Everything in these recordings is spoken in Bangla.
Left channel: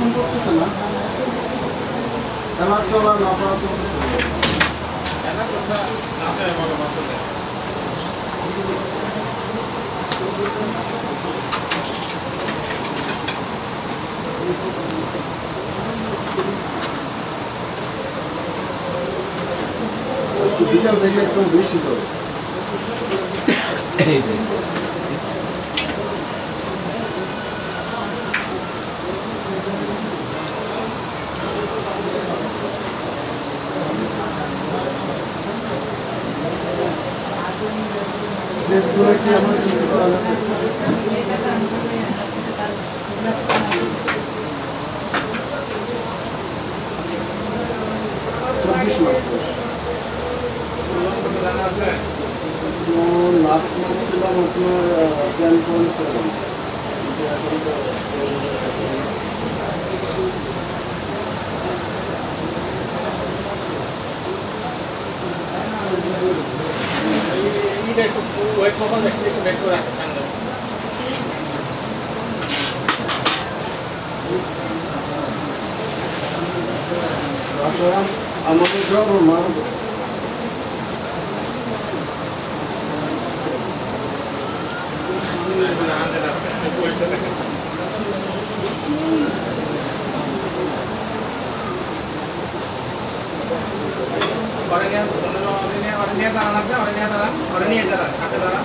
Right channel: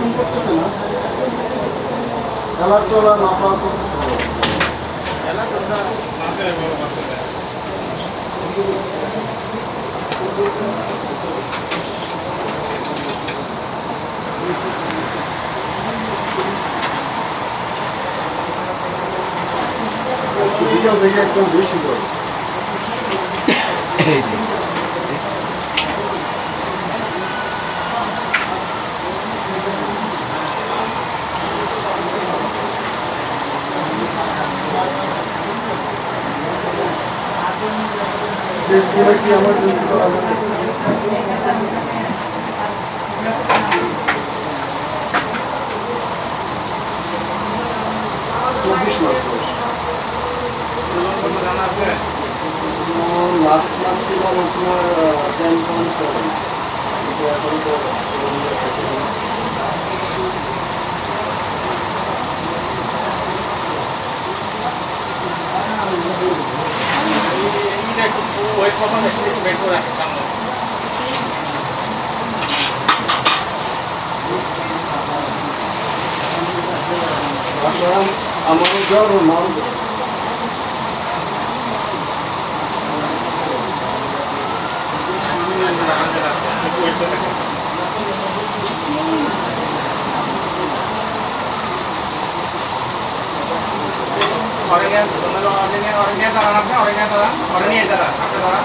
এখন করতেছে না, খেলার চলা না পাওয়া চলতেছে। বিকাল থেকে একদম বেশি জ্বর। টেস্টগুলো কি এমার্জেন্সি করা যাবে? 24 মাস বয়স। লাস্ট মান্থ ছিল আপনার 10.7, কিন্তু এখন তো আমারও জ্বর ও মারও জ্বর। orangnya dalam apa? Orangnya dalam apa dalam?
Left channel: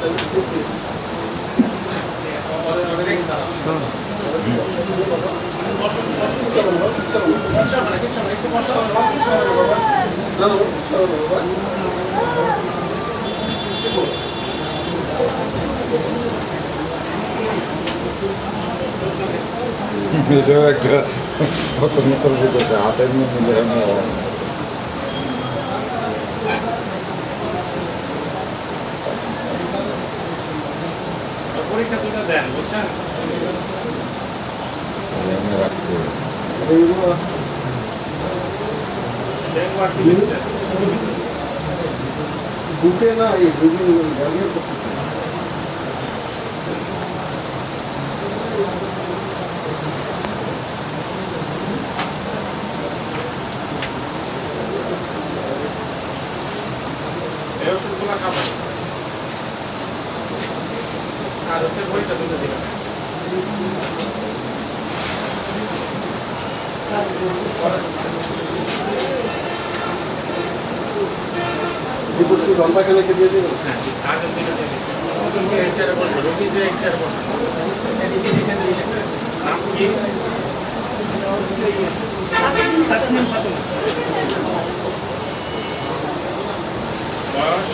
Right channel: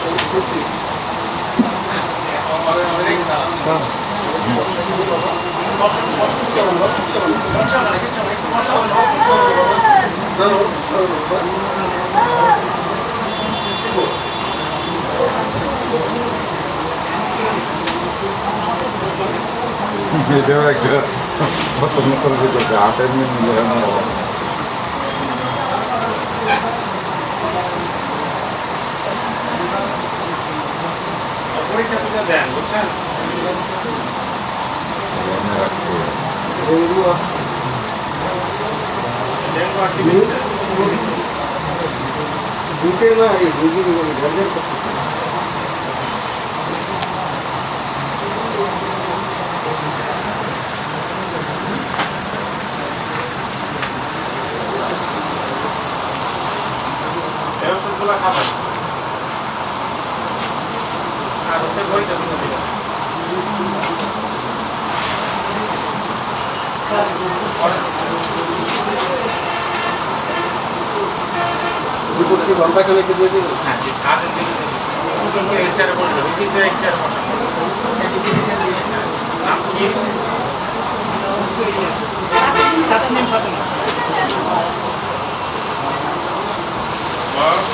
76. এটাও একটা নতুন করছে 8 মিলে পরীক্ষা তুলে দেন, বুঝছেন? মনে রাখতে বুকে না এই বুঝিনি ঘরে করতেছে। এই ওষুধগুলো খাবেন আর হচ্ছে পরীক্ষা তুলে দিবেন। রিপোর্ট কি ঘন্টাখানে দিয়ে দেবেন? হ্যাঁ, ঠিক কাজের দিকে দেবেন। এর চেয়ারে বসে রোগী যে এর চেয়ারে বসে নাম কি? তাসনিম ফাতেমা। বয়স?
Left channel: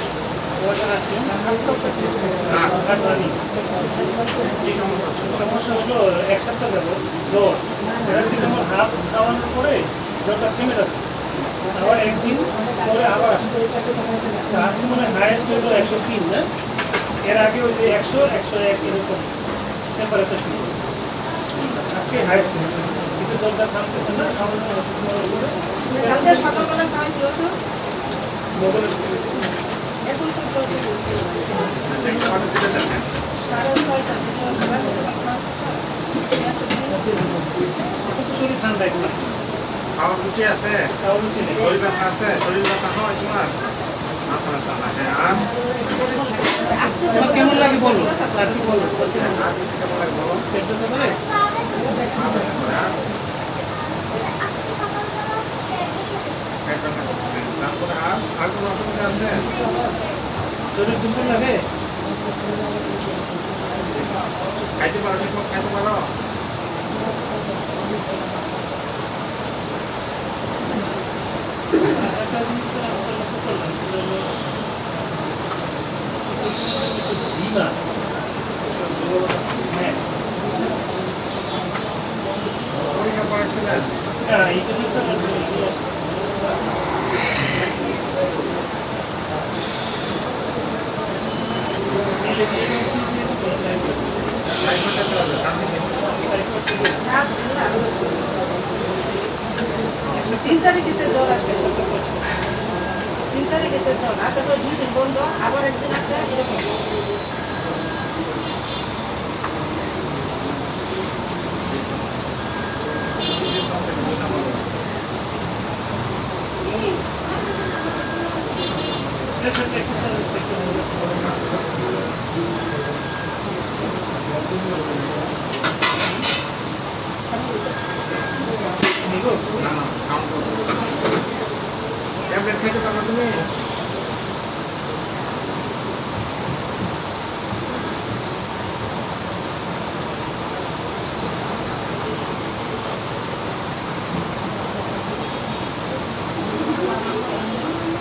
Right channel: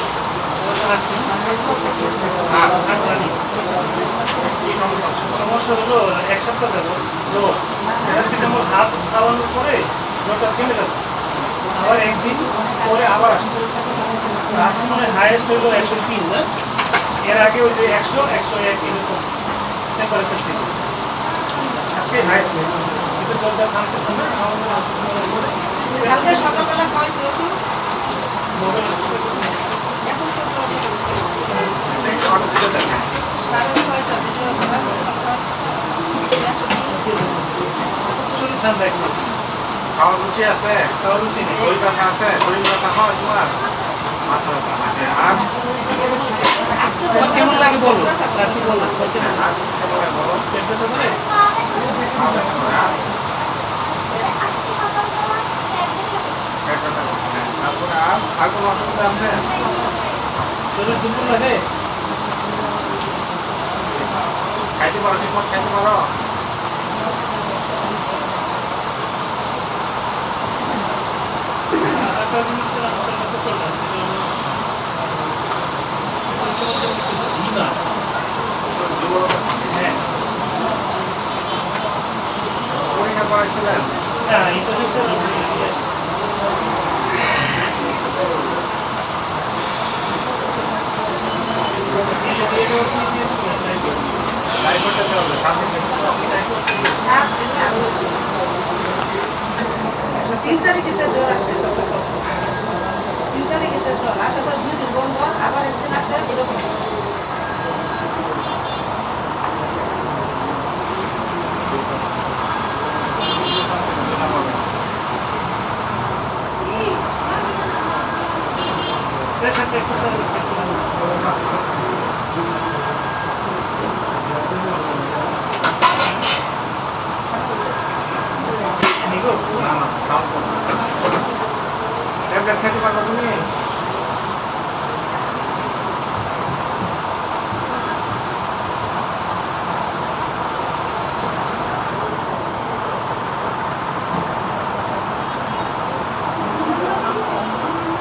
সমস্যা হলো 1 সপ্তাহ যাবো জ্বর, প্যারাসিটামল হাত খাওয়ানোর পরে জ্বরটা থেমে যাচ্ছে, আবার একদিন পরে আবার আসছে। আজকে মনে হয় হাইয়েস্ট হইলো 103 না, এর আগে ওই যে 100 101 এরকম টেম্পারেচার ছিল, আজকে হাইয়েস্ট হয়েছে, কিন্তু জ্বরটা থামতেছে না। কালকে সকালবেলা খাওয়াইছি ওষুধ, মোবাইল এখন তো চলছে অর্ডার দিতে দেন। কারণ ছয়টা শরীর ঠান্ডা একটু, খাওয়ার রুচি আছে? খাওয়া রুচি নেই। শরীর ব্যথা আছে? শরীর ব্যথা হয় তোমার? মাথা ব্যথা আছে। আর তোমার কেমন লাগে বলো, স্যার কি বলবো? আর কেমন লাগে বলো? পেট ব্যথা করে? পা ব্যথা করে। আর পেট ব্যথা করে। তারপরে আর কোনো অসুবিধা আছে? শরীর দুর্বল লাগে? খাইতে পারো? ঠিকমতো খাইতে পারো? একটা জিনিস আমি লক্ষ্য করলাম, সেটা হলো জিমা। হ্যাঁ পরীক্ষা করেছিলেন? হ্যাঁ, ইন্ট্রোডিউসার টাইফয়েডের হবে, 7 দিন বেশি। 3 তারিখে জ্বর আসবে, 3 তারিখে জ্বর আসার পর 2 দিন বন্ধ, আবার একদিন আসে, এরকম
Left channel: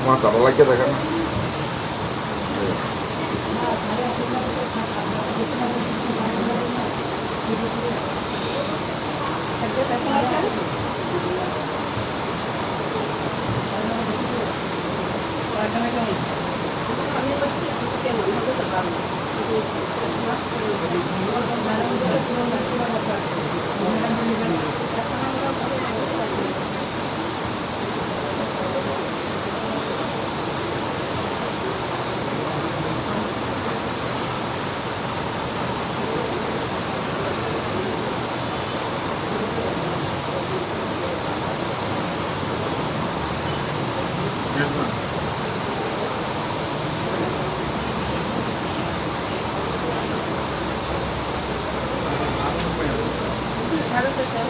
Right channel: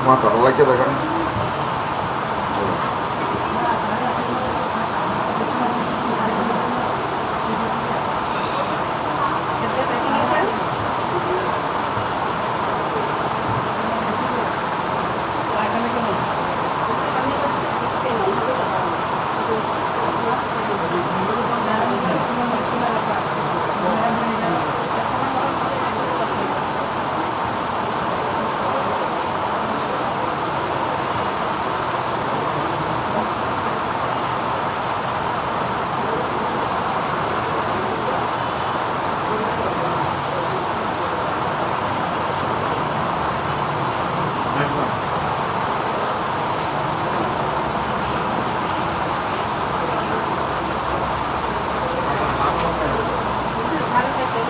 মাথাটা লাগিয়ে দেখেন এখন আছেন এখানে কেমন আমি কেমন হতে পারবো সাড়ে চারটে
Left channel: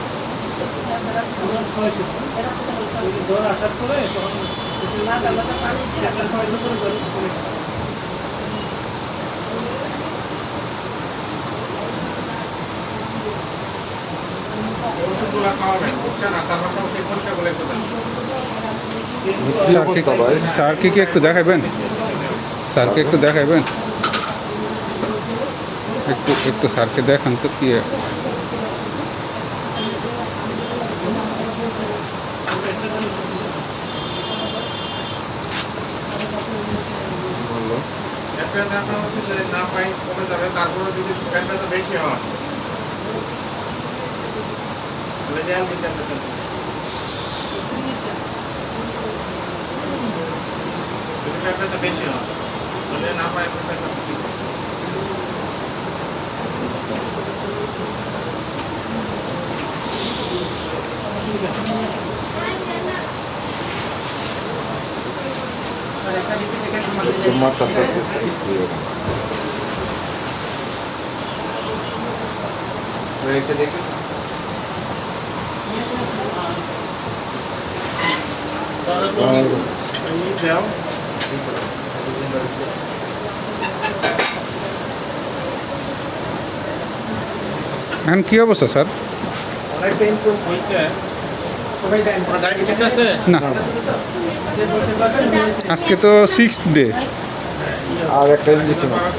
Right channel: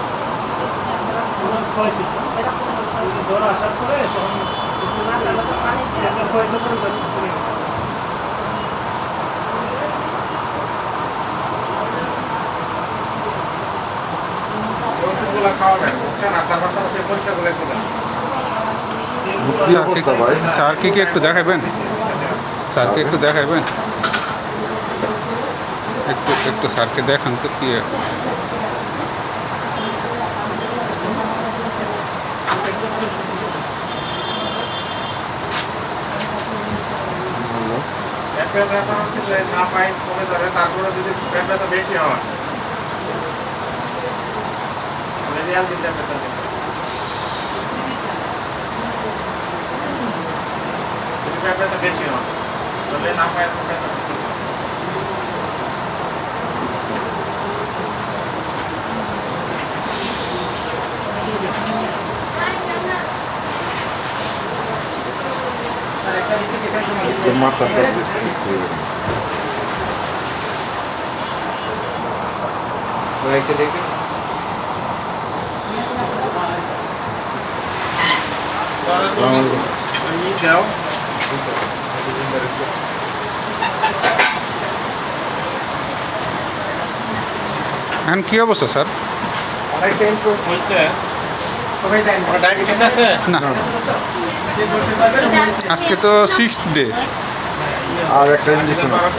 ওষুধ খাওয়াইছি ওই যে জ্বর আসার পরে তখন ওষুধ মাথার মতো পানি দিয়ে একটা খাওয়াইছে পরে জ্বর কমে গেছে। ওষুধগুলো খাওয়াবেন বুঝছেন, আর তার পাশাপাশি পরীক্ষাগুলো একটু দেন। কি অবস্থা ভাই স্যারকে কি একটু দেখাবেন? স্যারকে একটু দেখাবেন? একটু একটু স্যারকে দেখান তো কি একটা খালি ওষুধ দিয়েছে। ভালো পেট ব্যথা হচ্ছে যে না পাই কমে যাবে, তারপরে যদি পেট ব্যথা বেশি হয় তাহলে রিয়াল দিতে হবে তাহলে। যদি পেট ব্যথা বেশি হয় তাহলে না পাই পেট ব্যথা একটু মাথাটা একটু নিয়ে যাও। এখন কি অবস্থা স্যার? অনেকটা ইমপ্রুভ হয়েছে। আপনার ডায়াবেটিস আছে? না, আজকে তো 6th ডে। আর একটা ইঞ্জেকশন আছে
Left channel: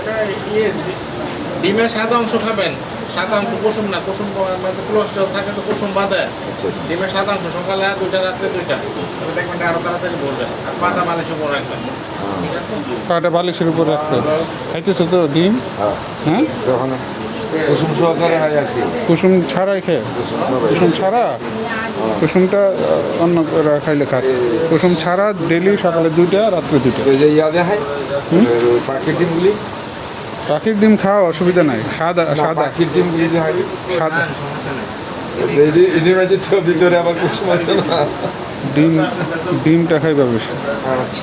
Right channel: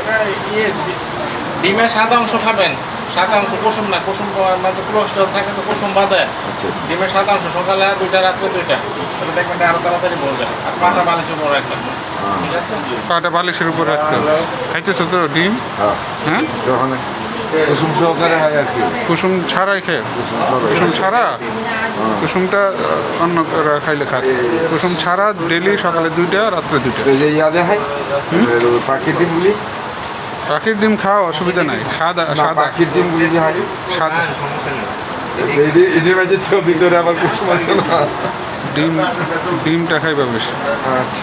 এটা ইয়ে ডিমের সাদা অংশ খাবেন, সাদা অংশ কুসুম না, কুসুম মানে কোলেস্ট্রল থাকে তো কুসুম বাদে। আচ্ছা ডিমের সাদা অংশ সকালে 2টা রাত্রে 2টা, তাহলে দেখবেন এটা আরো তাড়াতাড়ি বলবে। আর পাটা বালিশের উপর রাখবেন, ঠিক আছে? পাটা বালিশের উপর রাখতে হবে। খাইতেছো তো ডিম? হ্যাঁ হ্যাঁ, যখন কুসুম সহকারে হয় আর কি কুসুম ছাড়াই খেয়ে? কুসুম সহকারে কুসুম ছাড়া? কুসুমটা অন্য খাইলে খায়। কুসুম ছাড়া ডেলি সকালে 2টা রাত্রে 2টা। এই যে ইয়াদে হয় পাখির ডিমগুলি পাখির ডিম খাওয়া অসুবিধা নাই। সাদা না সাদা পাখির ডিমগুলি যে হয় সাদা এদের মাঝে তো ভিতরে আবার কুসুম আছে না ডিম, ডিমটা খাইবা বেশি। আচ্ছা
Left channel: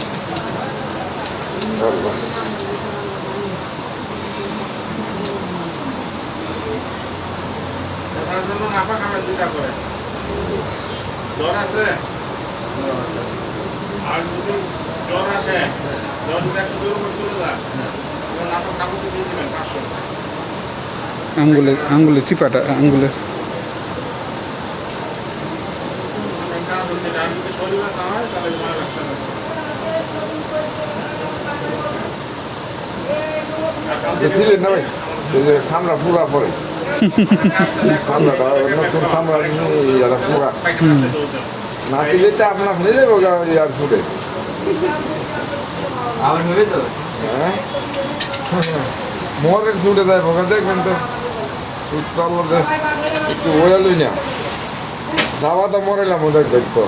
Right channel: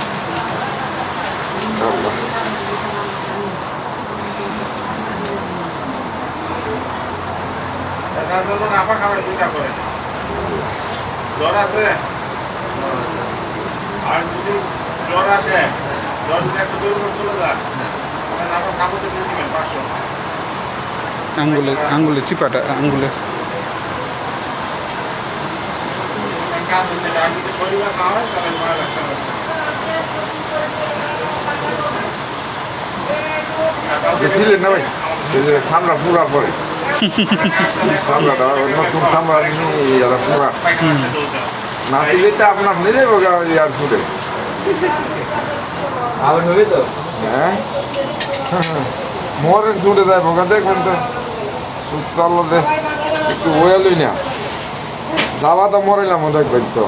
আল্লাহ তার জন্য নাফা খাবেন 2টা করে। জ্বর আছে? আর যদি জ্বর আসে, জ্বর যদি 102 উপর চলে যায়, তাহলে নাফা সাবুতে দিয়ে দিবেন 500। আঙ্গুলে চিপাটা আঙ্গুলে কাজ হচ্ছে এটা। আর যদি শরীরে ব্যথা হয় তাহলে ভয় লাগতে হবে। বুঝছিলেন না ভাই এই যে চামড়া পুরা পরে চামড়াটা নতুন চামড়া ইয়ারা পুরা পায়খানা চলতে না দিলে তো আপনার নিজে বোঝা ইয়ার ছুটে হ্যাঁ মোহরের ছুটে যায় বোকা দেখবেন তো সুস্থ আল্লাহ দে একটু ওয়ালই না যাওয়া তো মরেলাম দেখবেন তো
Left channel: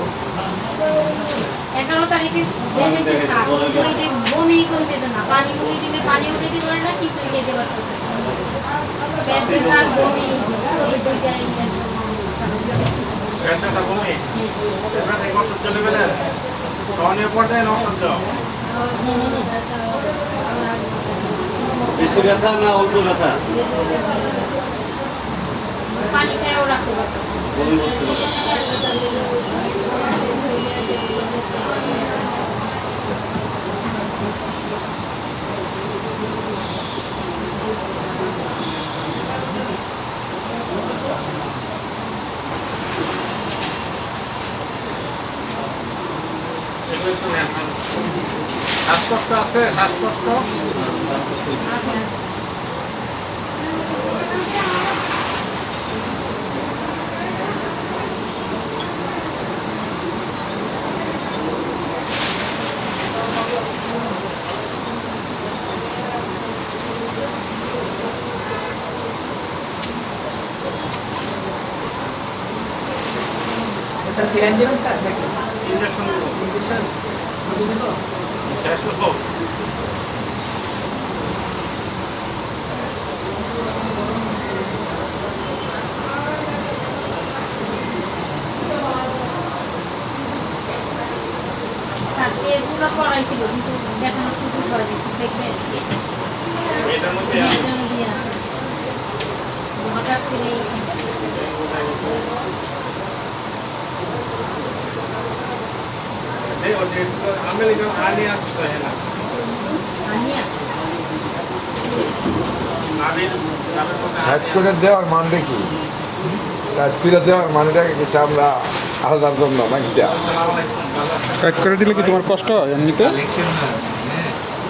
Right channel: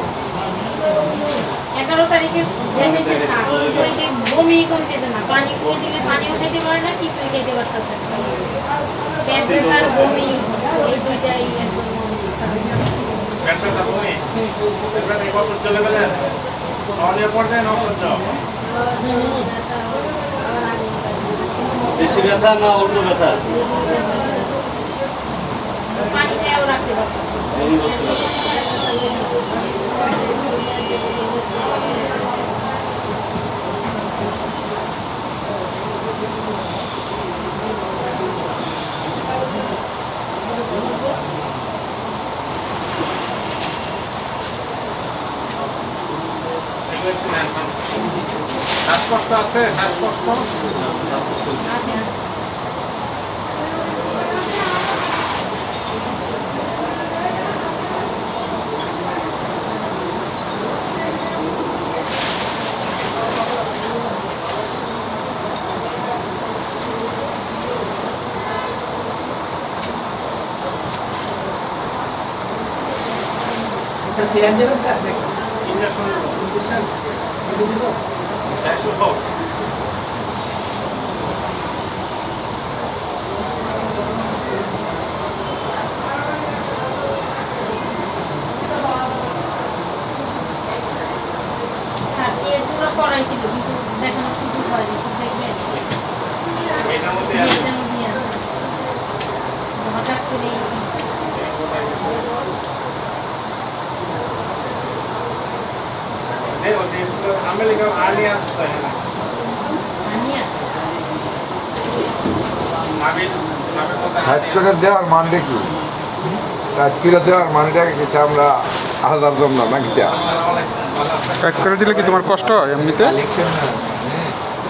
11 তারিখে দেখেছি স্যার ওই যে বমি করতেছে না, পানি করে দিলে পানিও খেতে পারে না, কিছুই খেতে পারতেছে না। পেট ব্যথা আর বমি এই দুইটাই একদম অবস্থা খারাপ। পেট ব্যথা বমি, পেট ব্যথা এই অসহ্য লেভেলের সহনীয় পর্যায়ে না অসহ্য? বেশি ব্যথা না অল্প ব্যথা? পানি খেয়েও রাখতে পারতেছে না। বমি হচ্ছে না। শ্বাসকষ্ট আছে? শ্বাসকষ্ট? আছে, আছে। স্যার সিরিয়াল দেবেন স্যার দেখুন ইঞ্জেকশন ইঞ্জেকশন দিয়ে দিব শেষ হোক। স্যার টেস্টগুলো করাইছিল কিন্তু দেখানো সুযোগ হয়নি, দেখবেন এটার মধ্যে আছে। এটার মধ্যে আছে হঠাৎ করে আমেরিকান আর্মি আসতে হয় না আনিয়া নামের মধ্যে টাইট করে দেওয়ার মানটা কি? টাইট করে দেওয়ার মানটা কি আমরা আলাদা দম না নাকি চা? টাইট করে দিলে কি তোমার কষ্ট হয় এমনিতে?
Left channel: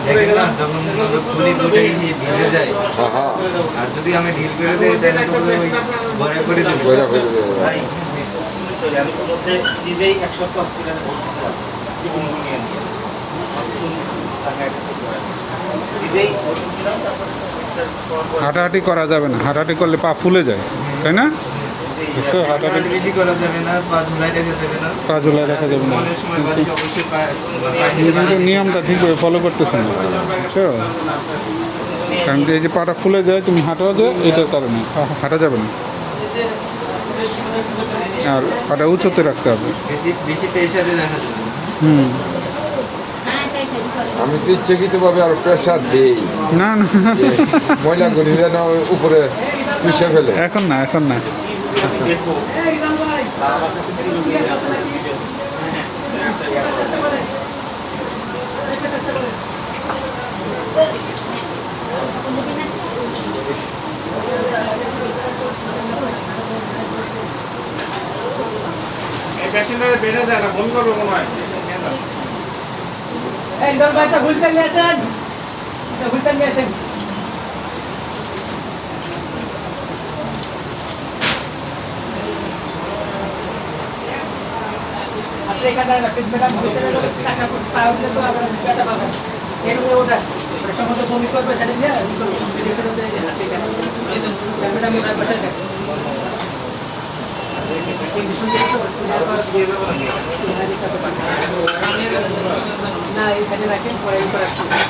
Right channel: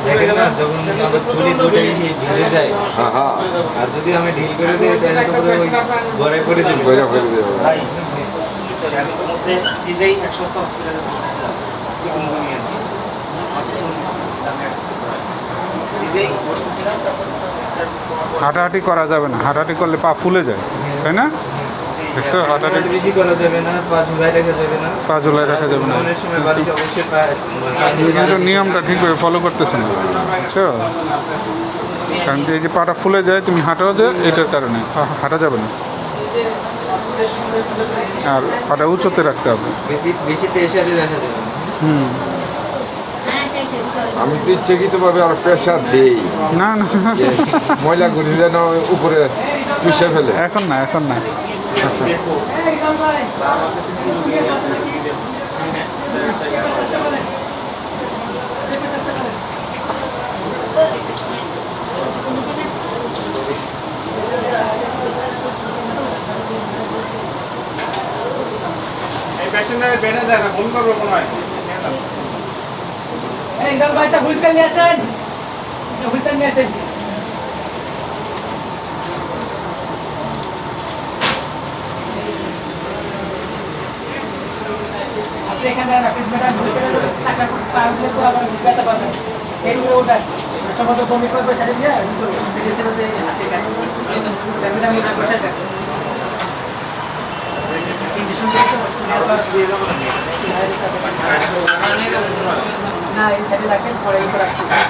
দেখেন না যখন আমাদের খুলি দুটোই ভিজে যায়, হ্যাঁ হ্যাঁ আর যদি আমি ঢিল করে দিই তাহলে তো বোধহয় ওই ঘরে করে দিব। বইরা করে দেবো। ভাই সরি আমি তো মধ্যে নিজেই এক সপ্তাহ হসপিটালে ভর্তিছিলাম চিকুনগুনিয়া নিয়ে আমার তো চলতেছিল আমি নিজেই ভর্তিছিলাম তারপরে তো টিচার্স পাওয়ার পর হাঁটাহাঁটি করা যাবে না, হাঁটাহাঁটি করলে পা ফুলে যায়, তাই না? দেখছো, হাঁটাহাঁটি বেশি করা যাবে না, পা ঝুলাই রাখা যাবে না, পা ঝুলাই রাখা যাবে না। অনেক সময় বাড়িতে অবশ্যই তুমি কিন্তু নিয়মটা ঠিকভাবে ফলো করতেছো না, বুঝছো? কারণ কি এই যে পাটা ফুলে যায়, তুমি হাঁটাও যায় এটার কারণে হাঁটা যাবে না, আর পাটা উঁচুতে রাখতে হবে। বেশি প্রেশারে রাখা যাবে না। হুম, হ্যাঁ চাইছে আমি তো ইচ্ছাকৃতভাবে আর প্রেশার দিই, না না ময়লা গুলি যেন উপরে পিষে ফেলে। এখন না, এখন না। দেখো একদম ভাই আমার কাছে পুরো ভিডিও এই পেশেন্টের বেড়ে যায় না, ফোন করবে মনে হয়। এই জাল ভাই একটা হুইলচেয়ার নিয়ে আসেন, একটা হুইলচেয়ার নিয়ে আসেন। আপনি এখানে দাঁড়ান, প্লিজ ম্যাডাম, চাকা পা দিলে তো আবার ব্যথা পাবেন। এই রুমে ওঠান, সমস্ত বমি করবে সেটা নিয়ে মেডিসিন আছে সেখানে ম্যাডাম ওটা বসে দেন। ইঞ্জেকশন দিয়ে তো না এই সাইডে রাখেন, পরে উপরে রাখছি।